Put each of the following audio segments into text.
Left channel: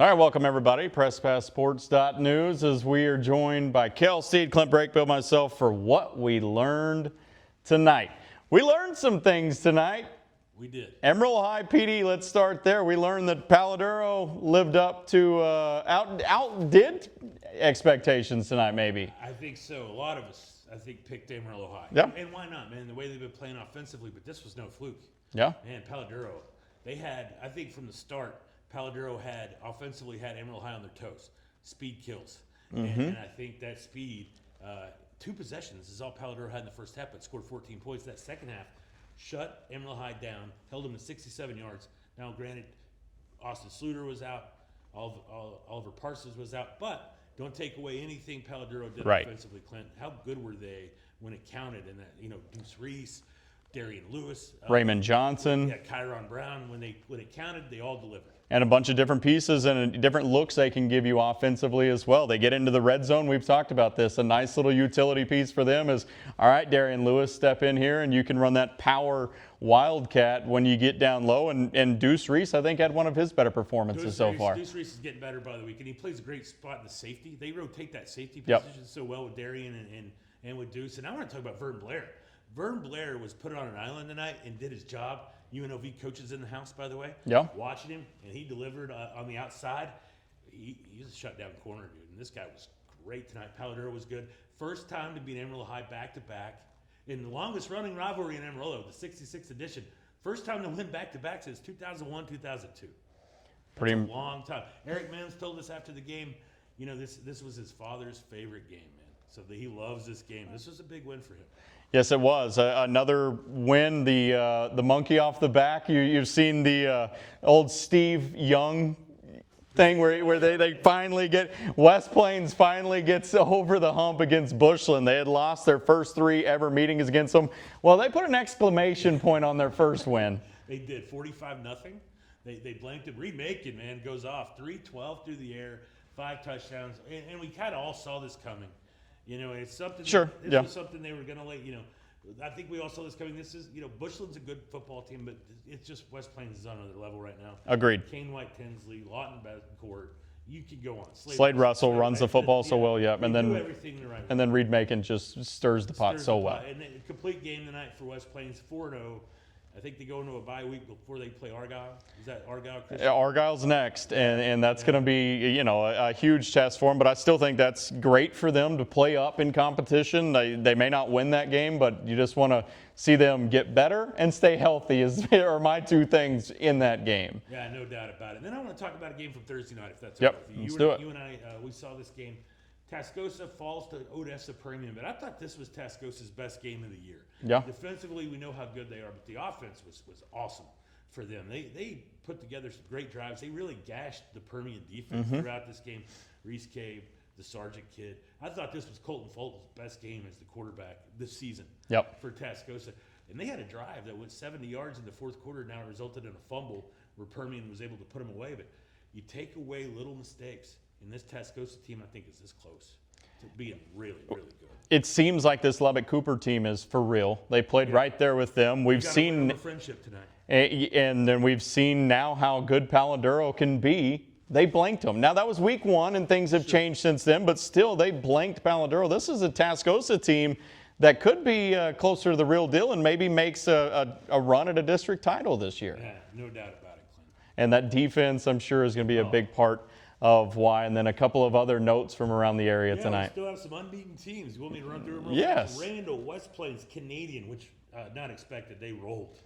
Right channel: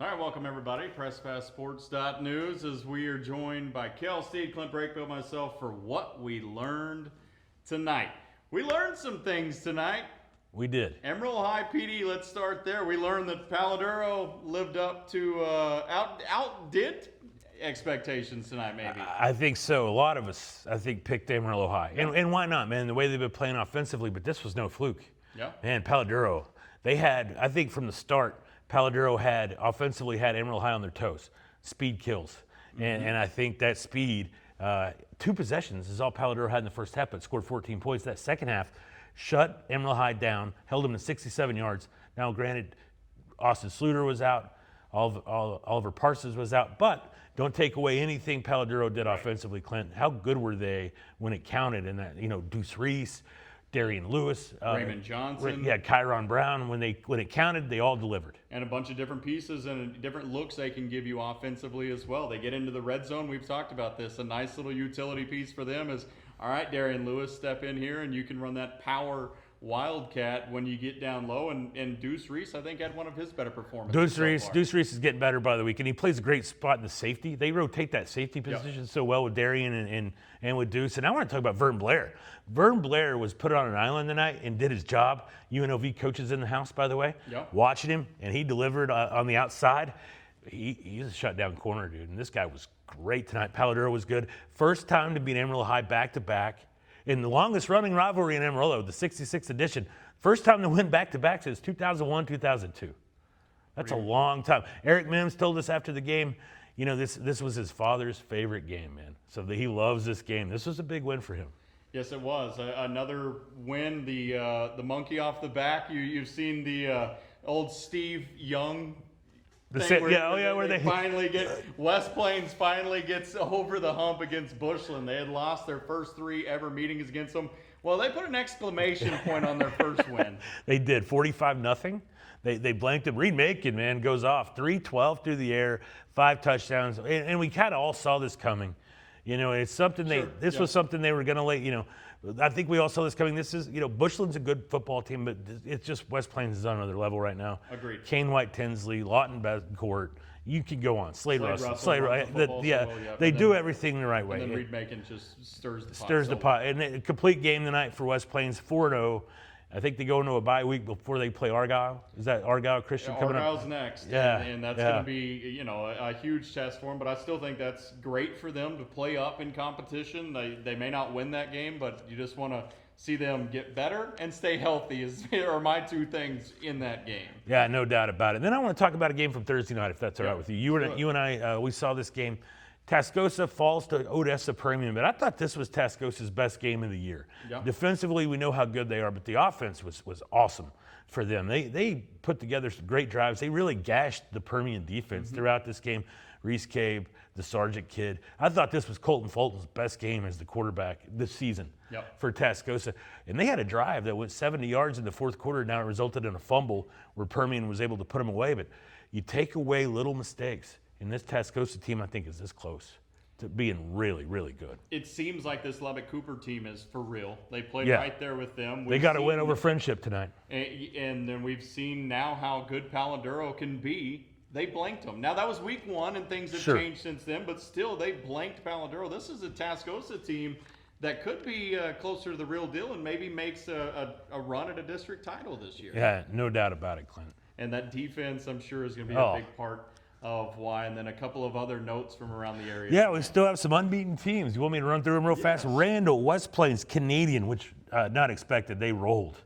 All right, welcome everybody. PressPassSports.news as we are joined by Kale, Steed, Clint, Brakebill, myself for what we learned tonight. We learned some things tonight. We did. Emerald High PD, let's start there. We learned that Paladuro lived up to, outdid expectations tonight, maybe. I think so. A lot of us, I think, picked Amarillo High. Yep. And why not, man? The way they've been playing offensively, but this was no fluke. Yeah. Man, Paladuro, they had, I think from the start, Paladuro had offensively had Amarillo High on their toes. Speed kills. And I think that speed, 2 possessions is all Paladuro had in the first half, but scored 14 points. That second half shut Amarillo High down, held them to 67 yards. Now, granted, Austin Sluter was out, Oliver Parsons was out, but don't take away anything Paladuro did offensively, Clint. How good were they when it counted? And that, Deuce Reese, Darian Lewis, Raymond Johnson. Yeah, Kyron Brown. When it counted, they all delivered. And a bunch of different pieces and different looks they can give you offensively as well. They get into the red zone. We've talked about this. A nice little utility piece for them is, all right, Darian Lewis, step in here and you can run that power wildcat when you get down low. And Deuce Reese, I think, had one of his better performances so far. Deuce Reese is getting better by the week, and he plays a great spot in the safety. They rotate that safety position so well with Darian and with Deuce. And I want to talk about Vern Blair. Vern Blair was put on an island tonight and did his job. UNLV coaches in the house, by the way. Yeah. Watching him, and he delivered on the outside. He's a shutdown corner, dude, and this guy was great tonight. Paladuro was good. First time to beat Amarillo High back-to-back in the longest-running rivalry in Amarillo, the 66th edition. First time to win back-to-back since 2001, 2002. That's a long time. Eric Mims told us after the game, this was his father's favorite game, man. So he loves this game. This was a big win for him. Yes, it was. Another win, the monkey off the back. You've seen the old Steve Young thing where they finally get, West Plains finally gets over the hump against Bushland. They had lost their first 3 ever meetings against them. Well, they put an exclamation point on their first win. They did, 45-0. They blanked him. Reed Macon, man, goes off. 312 through the air, 5 touchdowns. And we kind of all saw this coming. It's something. This was something they were going to let. I think we all saw this coming. This is, Bushland's a good football team, but it's just West Plains is on another level right now. Agreed. Kane White Tinsley, Lawton Becourt. You could go on. Slade Russell runs the football so well. Yeah. They do everything the right way. And then Reed Macon just stirs the pot so well. And a complete game tonight for West Plains, 4-0. I think they go into a bye week before they play Argyle. Is that Argyle Christian? Argyle's next, and that's going to be a huge test for them. But I still think that's great for them to play up in competition. They may not win that game, but you just want to see them get better and stay healthy. Are my 2 things in that game. Yeah, no doubt about it. Then I want to talk about a game from Thursday night, if that's all right with you. You and I, we saw this game. Tascosa falls to Odessa Premium, but I thought this was Tascosa's best game of the year. Yeah. Defensively, we know how good they are, but the offense was awesome for them. They put together some great drives. They really gashed the Permian defense throughout this game. Reese Cabe, the Sargent kid. I thought this was Colton Fulton's best game as the quarterback this season for Tascosa. And they had a drive that went 70 yards in the fourth quarter. Now it resulted in a fumble where Permian was able to put them away. But you take away little mistakes. And this Tascosa team, I think, is this close to being really, really good. It seems like this Lubbock Cooper team is for real. They played right there with them. We got to win over Friendship tonight. And then we've seen now how good Paladuro can be. They blanked them. Now, that was week 1, and things have changed since then, but still, they blanked Paladuro. This is a Tascosa team that could be closer to the real deal and maybe makes a run at a district title this year. Yeah, no doubt about it, Clint. And that defense, I'm sure, is going to be a big part of why, and then a couple of other notes from around the area tonight. We still have some unbeaten teams. You want me to run through them real fast? Randall, West Plains, Canadian, which not expected. They rolled.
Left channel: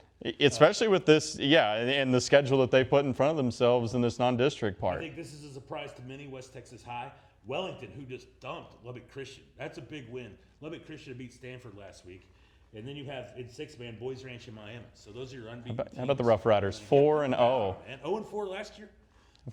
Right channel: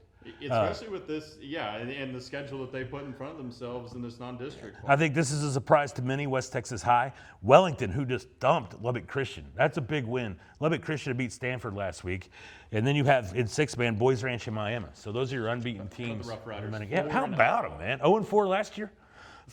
Especially with this, and the schedule that they put in front of themselves in this non-district part. I think this is a surprise to many. West Texas High. Wellington, who just dumped Lubbock Christian. That's a big win. Lubbock Christian beat Stanford last week. And then you have, in 6-man, Boys Ranch and Miami. So those are your unbeaten teams. How about the Rough Riders? 4-0. How about them, man? 0-4 last year?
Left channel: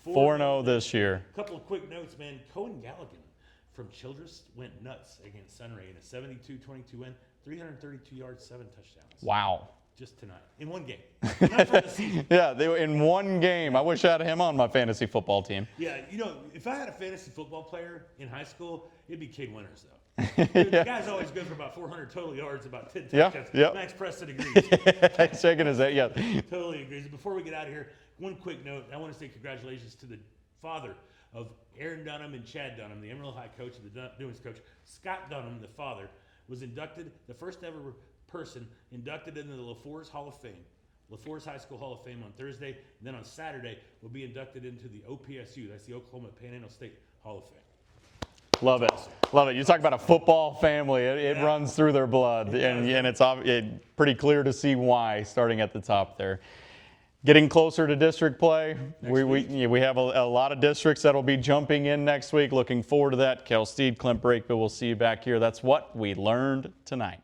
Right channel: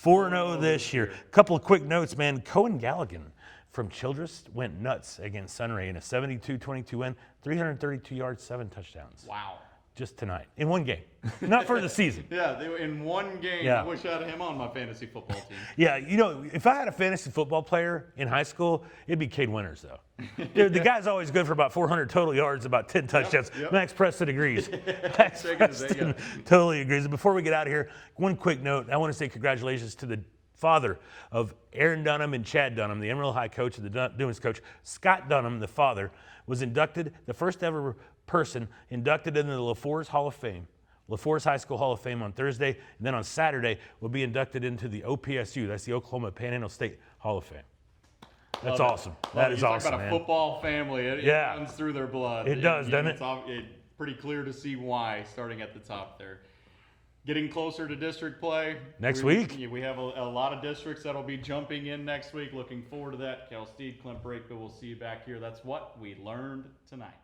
4-0 this year. A couple of quick notes, man. Cohen Galligan from Childress went nuts against Sunray in a 72-22 win, 332 yards, 7 touchdowns. Wow. Just tonight, in one game, not for the season. They were in one game. I wish I had him on my fantasy football team. If I had a fantasy football player in high school, it'd be Cade Winters, though. The guy's always good for about 400 total yards, about 10 touchdowns. Max Preston agrees. Shaking his head, Totally agrees. Before we get out of here, one quick note. I want to say congratulations to the father of Aaron Dunham and Chad Dunham, the Emerald High coach and the Dunes coach. Scott Dunham, the father, was inducted, the first ever person inducted into the LaForce Hall of Fame, LaForce High School Hall of Fame on Thursday, and then on Saturday will be inducted into the OPSU, that's the Oklahoma Panhandle State Hall of Fame. Love That's it. awesome. Love it. You talk awesome, about a man. football family. It runs through their blood. It does, and it's pretty clear to see why, starting at the top there. Getting closer to district play. Next week. We have a lot of districts that will be jumping in next week. Looking forward to that. Kale, Steed, Clint, Brakebill. We'll see you back here. That's what we learned tonight.